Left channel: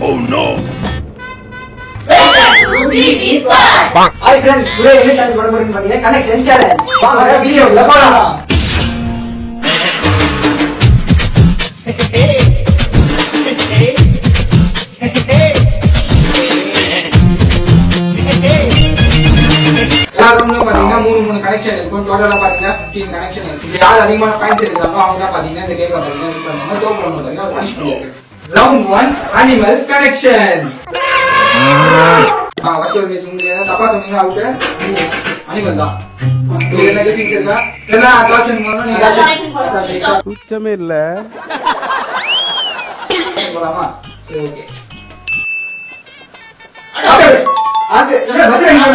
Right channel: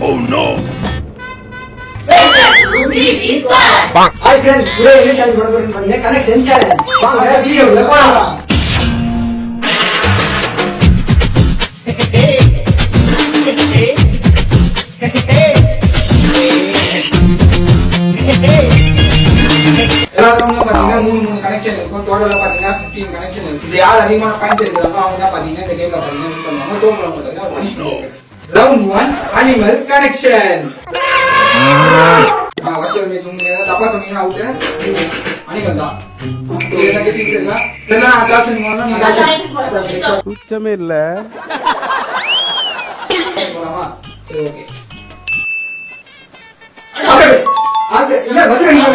Oh no! Hi friends, today என்ன challenge பண்ண போறீங்கன்னு பாத்தீங்கன்னா கனெக்ஷன் சேலஞ்ச். வாங்க வீடியோல போலாம். எல்லாரும் பாத்தீங்கன்னா மூணு கனெக்ஷன் இருக்கும். டோட்டலா பாத்தீங்கன்னா 15 கனெக்ஷன் இருக்கு. இது யார் அதிகமான பாயிண்ட்ஸ் எடுக்கறாங்களோ அவங்க தான் பாத்தீங்கன்னா இந்த கேம்ல வின் பண்ணுவாங்க. டோட்டலா பாத்தீங்கன்னா ரவுண்ட் 1 அனிமல் கனெக்ஷன். வசூல் மேட்ச் உங்களுக்கு தப்பா சொன்னீங்கன்னா அவுட். அனிமல் தான். என்ன கேட்டிங்க? என்ன ஆப்ஷன் பண்ணனும் நீங்க சுச்சமே இல்ல. போலாமா? சரி ஓகே. ஆக இல்ல வசூல் என்ன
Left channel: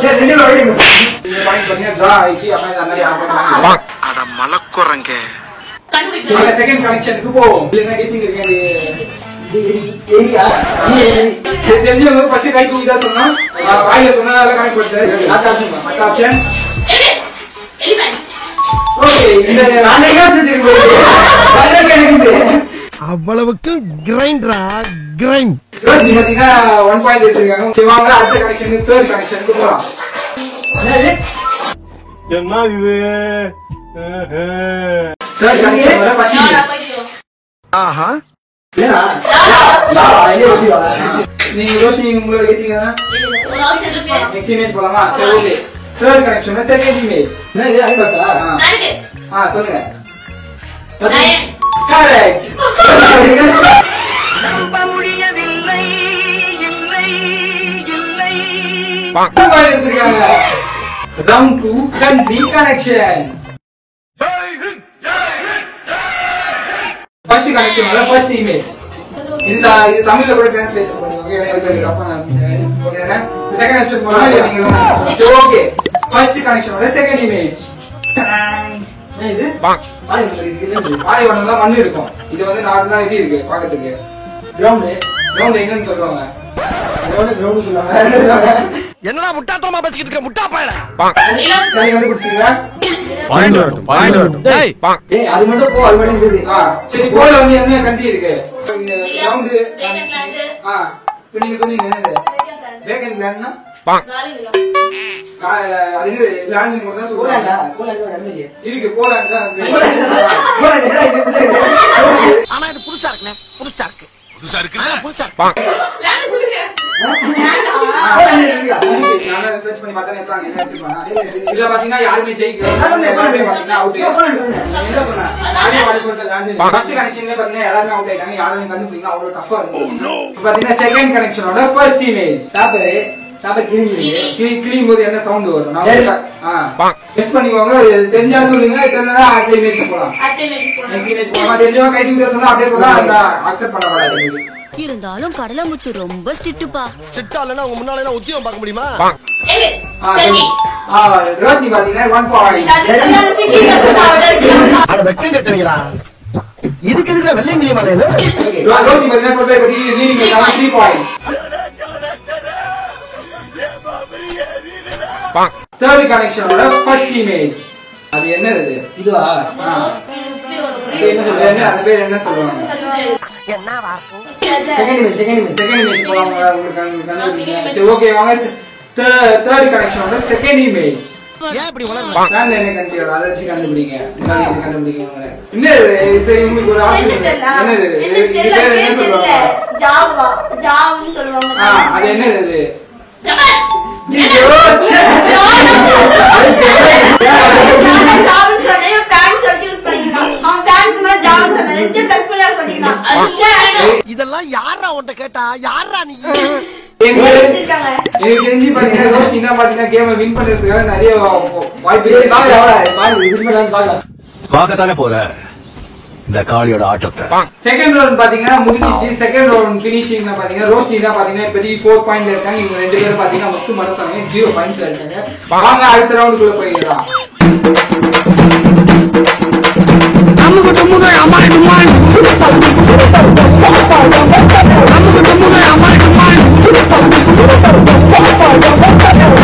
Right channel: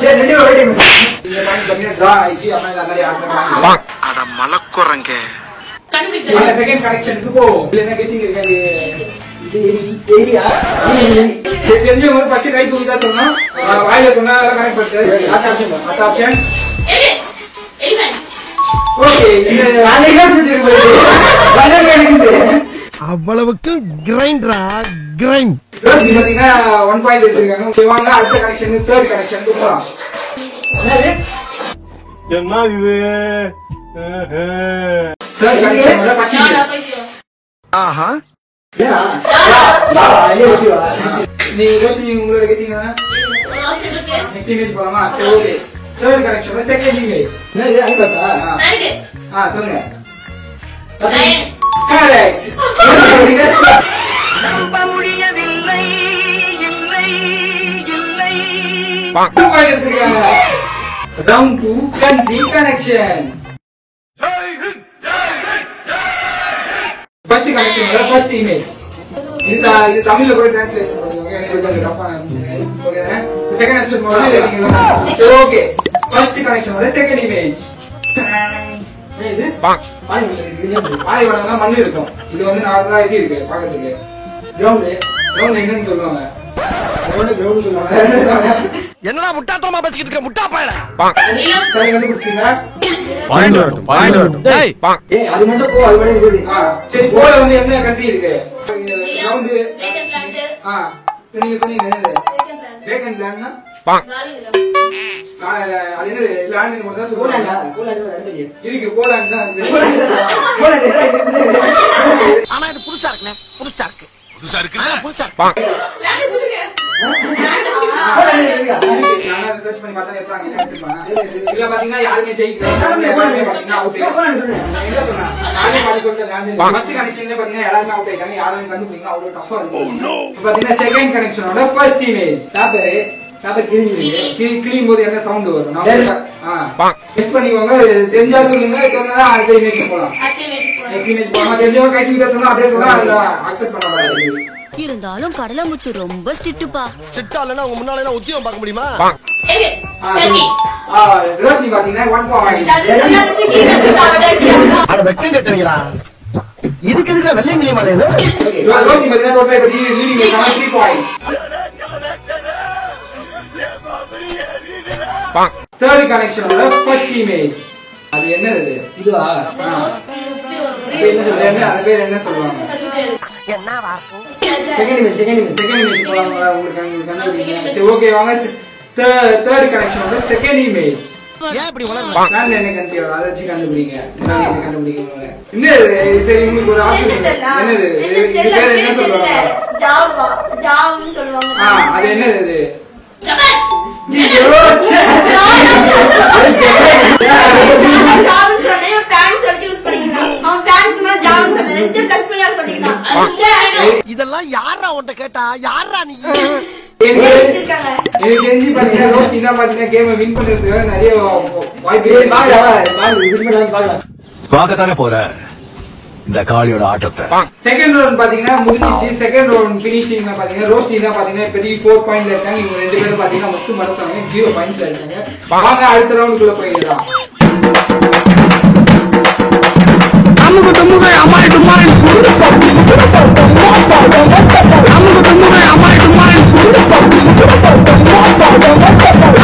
சரி ரெண்டு பேரும் இந்த பாயிண்ட் பண்ணி டிரா ஆயிச்சு. அப்ப நல்லா யாரும் அட மலக்குறங்க. கண்டுபிடிங்க. செகண்ட் கனெக்ஷனுக்கு போ. என்ன கேசிங் இருக்காது? தெரிஞ்ச ஒரு ஃபர்ஸ்ட் கை தூக்கி தான் சொன்னா வாயில சொன்னா கனெக்ட் பண்ணுது. மத்த ஆப்ஷன் ஓகே. இந்த நானே செஞ்சிருக்கேன். அவ்வளவுக்கு கிரைண்டரா கிரைண்ட். நீ பாத்தீங்கன்னா 1 பாயிண்ட் எடுத்துருக்காங்க. சரி வாங்க அடுத்த கனெக்ஷன் தேர்ட் கனெக்ஷனுக்கு போலாம். என்ன இது? தேர்ட் கனெக்ஷன் வர ஃபர்ஸ்ட் ஆஹா ஏனா நீ ரோஷினி உங்களோட கேசிங்கனா நெக்ஸ்ட் இமேஜ் போலாமா? சரி okay. Third connection second image என்ன இது ஐபா சொல்லுங்க. கரெக்ட். நம்ப முடியவில்லை இல்லை இல்லை பாயிண்ட் எடுத்துருக்காங்க. Round 2 country connection. ஃபர்ஸ்ட் கனெக்ஷன்ல ஃபர்ஸ்ட் இமேஜ் இது தமிழ்ல கூட ட்ரான்ஸ்லேஷன் பண்ணுங்க. எனக்கு அது ரஃபா ஓகே. செகண்ட் ஆப்ஷன் போறோம் நீங்க ஓகே. ஃபர்ஸ்ட் கனெக்ஷன்ல செகண்ட் இமேஜ் இது பாலைவனம்ல மண்ணு இருக்கும். இது வந்து நார்மலா எப்படி இருக்கு பாக்கிறதுக்கு? கிரவுண்ட் என்னன்னு சொல்லுவாங்க? கிரவுண்ட் சொல்லுவாங்க. என்னடா முட்டாத்தனமா பேசிக்கிட்டு இருக்க முட்டா பயல. சரி வந்து குடிச்சீங்களா? பாயிண்ட் வரட்டும். டேய் ஏய் அது மட்டும் போ. அது மட்டும் குடி. சரி போல வந்து என்ன கண்ட்ரி இருக்கு? கிரவுண்ட் இப்போ நீங்க சொன்னீங்க என்னது? வேகன் பிளான்னா அது என்ன லேண்ட் கூட தான் சொல்றாங்க. போலாண்டா இருக்கு. போலாண்ட் தான். ஆனா இது புதுசா இருக்குனே. புதுசா இருக்கு. புதுசா இருக்கு. புதுசா இருக்கு. லேண்ட் சொல்லுங்க. நான் சர்ச் பண்ணி பார்த்தா எத்தனை என்ன எடுத்துப்பாங்க. இதுல பாத்தீங்கன்னா யாருமே ஜெயிக்கல. பாத்தீங்கன்னா அவுட். என்ன சொன்னா? நானே வாட சொல்லிட்டேன் லேண்ட். ஃபர்ஸ்ட் கனெக்ஷன்ல பாத்தீங்கன்னா எல்லாரும் அவுட் ஆயிட்டாங்க. யாரும் கண்டுபிடிங்க அவ்வளவு டஃபா இருக்கு. பாத்தீங்கன்னா செகண்ட் கனெக்ஷனோட ஃபர்ஸ்ட் இமேஜ் டாப் கிளீன் போது என்ன சவுண்ட் வரும்? நான் கெஸ் பண்ணிக்கோங்க. தெரிஞ்சா சொல்லுங்க. தெரிஞ்சா அடுத்த இமேஜ் போலாம். நெக்ஸ்ட் இமேஜ் போலாம். தெரிஞ்சா கை தூக்கி சொல்ல அப்படியே சொல்ல அத அக்செப்ட் பண்ண கூடாது. இருந்தாலும் கடலமுத்து ரொம்ப ஸ்ட்ரிக்ட்பா. சிட்டா இல்லனா உங்க முன்னால எல்லாம் உத்தியோகம் பார்க்க முடியுமா? ரோஷினி பாத்தீங்கன்னா 1 பாயிண்ட். அட வெக்கம் கட்டறீங்களா? இதுக்கு எதுக்கு வெள்ளையங்கிலி மலை இது? ரோஷினி பாத்தீங்கன்னா டோட்டல் பத்தி லீடிங் இருக்காங்க 3 பாயிண்ட். தேர்ட் கனெக்ஷனோட ஃபர்ஸ்ட் இமேஜ் அது என்னது? இதுவா? அந்த பேர் என்ன சொல்லுவாங்க? என்ன வார்த்தை? செகண்ட் இமேஜ் போலாமா? உங்களுக்கு கண்டுபிடிங்க. சரி ஓகே வாங்க. தேர்ட் கனெக்ஷனோட செகண்ட் இமேஜ் ஏன் இப்படி வளர்ற? நான் என்ன கண்டிப்பா அதை வச்சு கண்டுபிடிங்க. என்ன கண்டுபிடிங்க? என்ன சரி உங்களுக்கு ஒரு ஆப்ஷன் என்னது? இது பேர் என்ன சொல்லுவாங்க? ஜாவான்னு சொல்லுவாங்க. அது என்னது? இதெல்லாம் யாரா உன்கிட்ட கேட்டா? யாரா நீ? எனக்கு தெரிஞ்சு பாத்தீங்கன்னா ரோஷினி தான் பாத்தீங்கன்னா கேமை வின் பண்றதுக்கு நிறைய வாய்ப்பு பார்க்கத்தானே போற இந்த காளியோட ஆட்டத்தை. செகண்ட் ரவுண்ட் பாத்தீங்கன்னா முடிஞ்சிச்சு. செகண்ட் ரவுண்ட் பினிஷிங் பாத்தீங்கன்னா ரோஷினி தான் பாத்தீங்கன்னா இப்போதைக்கு 4 பாயிண்ட்ல இருக்காங்க. இவங்க ரெண்டு பேரும் பாத்தீங்கன்னா மொத்தம் மனசாங்க 0 பாயிண்ட்ஸ்ல இருக்காங்க. வாங்க அடுத்த ரவுண்டுக்குள்ள போயிடலாம். அமுக டுமுக அமால் டுமால். அமுக டுமுக அமால் டுமால்.